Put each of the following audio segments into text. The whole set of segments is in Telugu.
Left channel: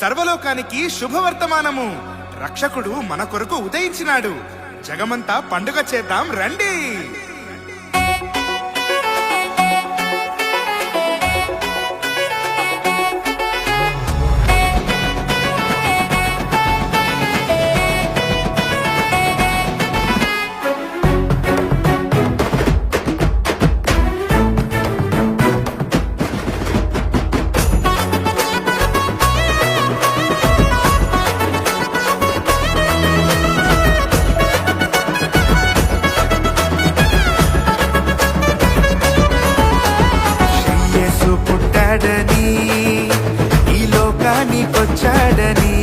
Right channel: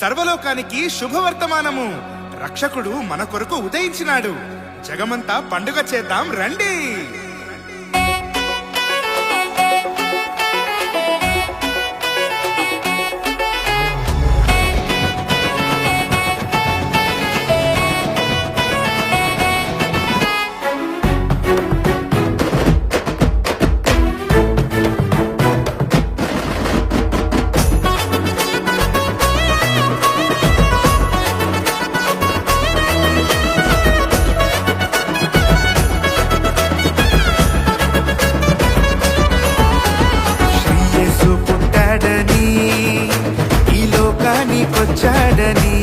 సర్వలోకానికి శుభవర్తమానము. రక్షకుడు మన కొరకు ఉదయించినాడు. జగమంతా పండుగ చేద్దాం రండి. పుట్టాడని ఈ లోకానికొచ్చాడని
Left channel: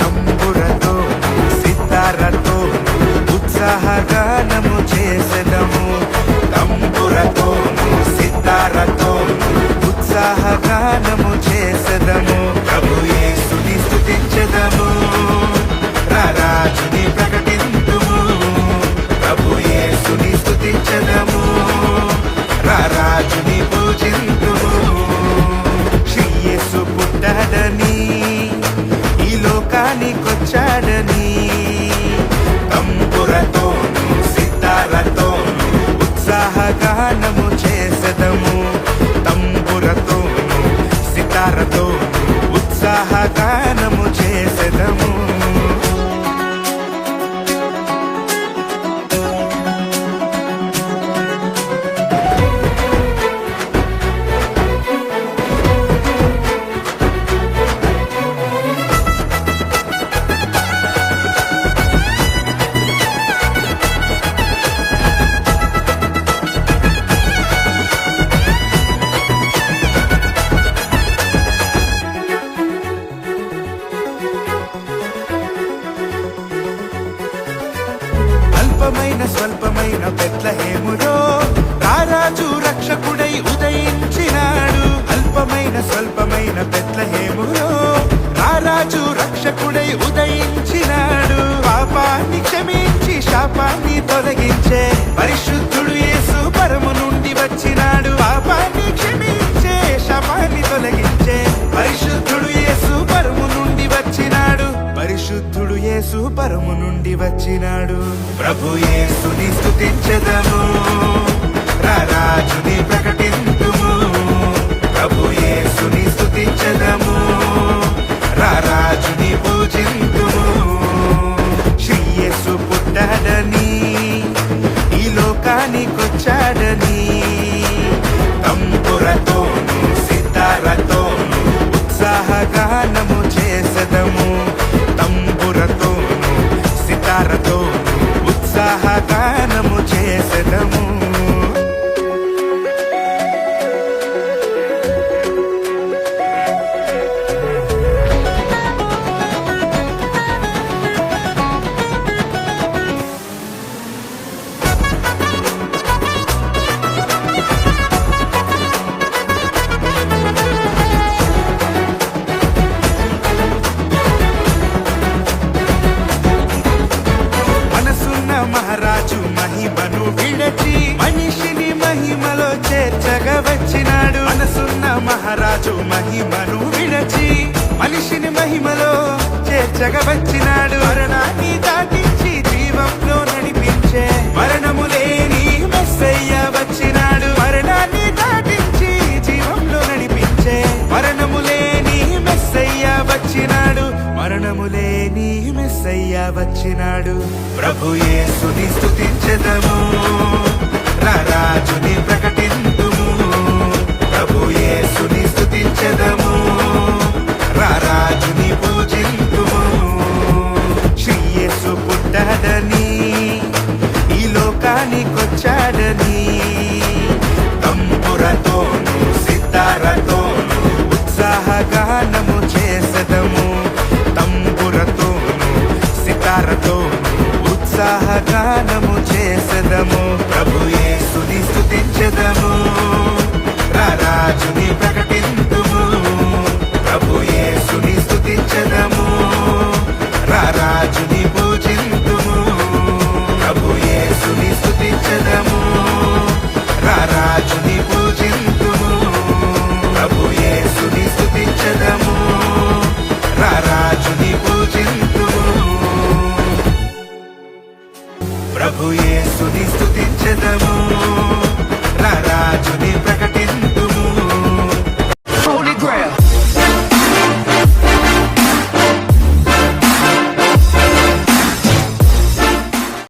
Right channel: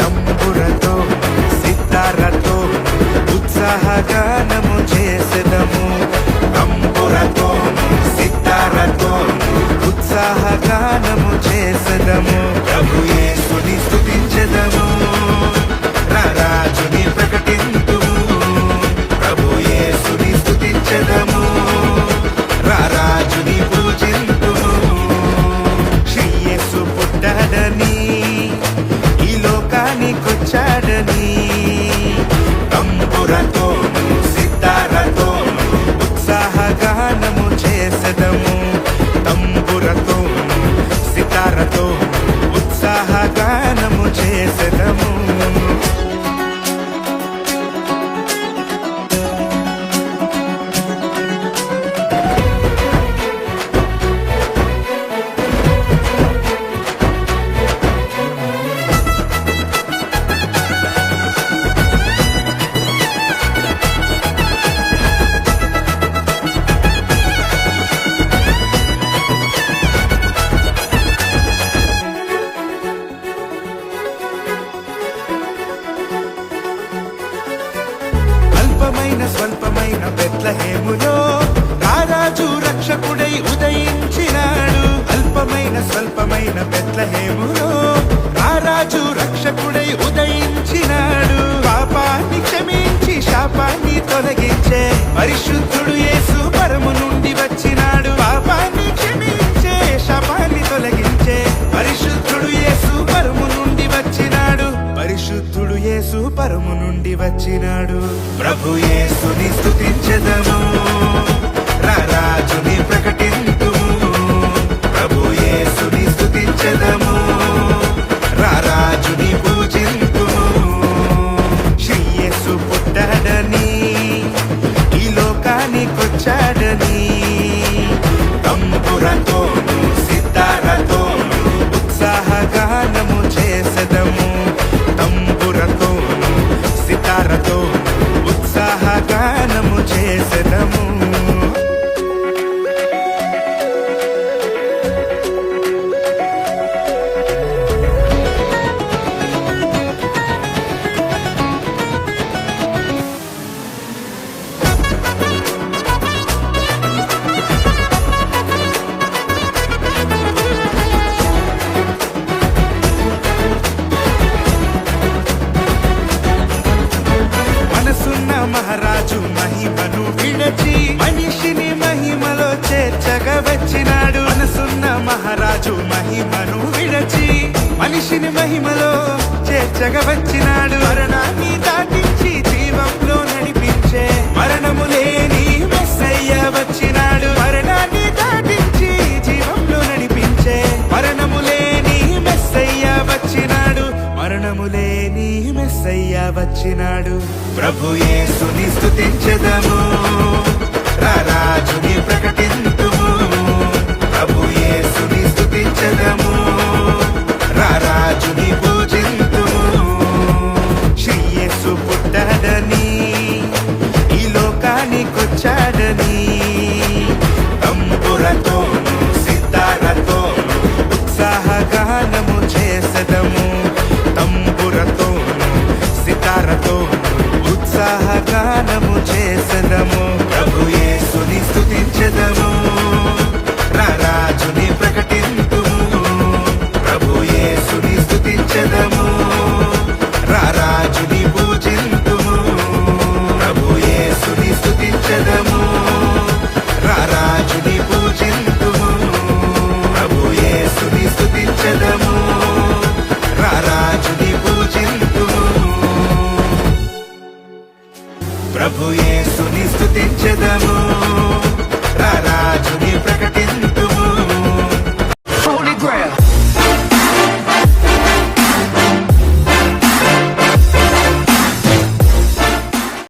తంబురతోను సితారతోను ఉత్సాహగానము చేసెదము. తంబురతోను సితారతోను ఉత్సాహగానము చేసెదము. ప్రభు యేసుని స్తుతించెదము, రారాజుని ప్రకటింతుము. ప్రభు యేసుని స్తుతించెదము, రారాజుని పూజింతుము. శ్రీ యేసు పుట్టాడని ఈ లోకానికొచ్చాడని తంబురతోను సితారతోను ఉత్సాహగానము చేసెదము. తంబురతోను సితారతోను ఉత్సాహగానము చేసెదము. స్వల్పమైన బెత్లెహేములో రారాజు రక్షకుడై ఉదయించినాడు. అల్పమైన స్వల్పమైన బెత్లెహేములో రారాజు రక్షకుడై ఉదయించినాడు. పాపాన్ని క్షమించి శాపాన్ని తొలగించే పరిశుద్ధుడు యేసు పరము నుండి వచ్చినాడు. పాపాన్ని క్షమించే శాపాన్ని తొలగించే పరిశుద్ధుడు యేసు పరము నుండి వచ్చినాడు. పరిశుద్ధుడు యేసు పరము నుండి వచ్చినాడు. ప్రభు యేసుని స్తుతించెదము, రారాజుని ప్రకటింతుము. ప్రభు యేసుని స్తుతించెదము, రారాజుని పూజింతుము. శ్రీ యేసు పుట్టాడని ఈ లోకానికొచ్చాడని తంబురతోను సితారతోను ఉత్సాహగానము చేసెదము. తంబురతోను సితారతోను ఉత్సాహగానము చేసెదము. మహారాజు మహిమను విడచి మనిషిని మహిమలో చేర్చగా వచ్చినాడు. మనసున్న మహారాజు మహిమను విడచి మనిషిని మహిమలో చేర్చగా వచ్చినాడు. మరణాన్ని దాటించి జీవంలో నడిపించే మరణము లేని మెస్సయ్య వచ్చినాడు. మరణాన్ని దాటించి జీవంలో నడిపించే మరణము లేని మెస్సయ్య వచ్చినాడు. మరణము లేని మెస్సయ్య వచ్చినాడు. ప్రభు యేసుని స్తుతించెదము, రారాజుని ప్రకటింతుము. ప్రభు యేసుని స్తుతించెదము, రారాజుని పూజింతుము. శ్రీ యేసు పుట్టాడని ఈ లోకానికొచ్చాడని తంబురతోను సితారతోను ఉత్సాహగానము చేసెదము. తంబురతోను సితారతోను ఉత్సాహగానము చేసెదము. ప్రభు యేసుని స్తుతించెదము, రారాజుని ప్రకటింతుము. ప్రభు యేసుని స్తుతించెదము, రారాజుని పూజింతుము. ప్రభు యేసుని స్తుతించెదము, రారాజుని పూజింతుము. ప్రభు ప్రభు యేసుని స్తుతించెదము రారాజుని పూజింతుము ప్రభు యేసుని స్తుతించెదము రారాజుని ప్రకటింతుము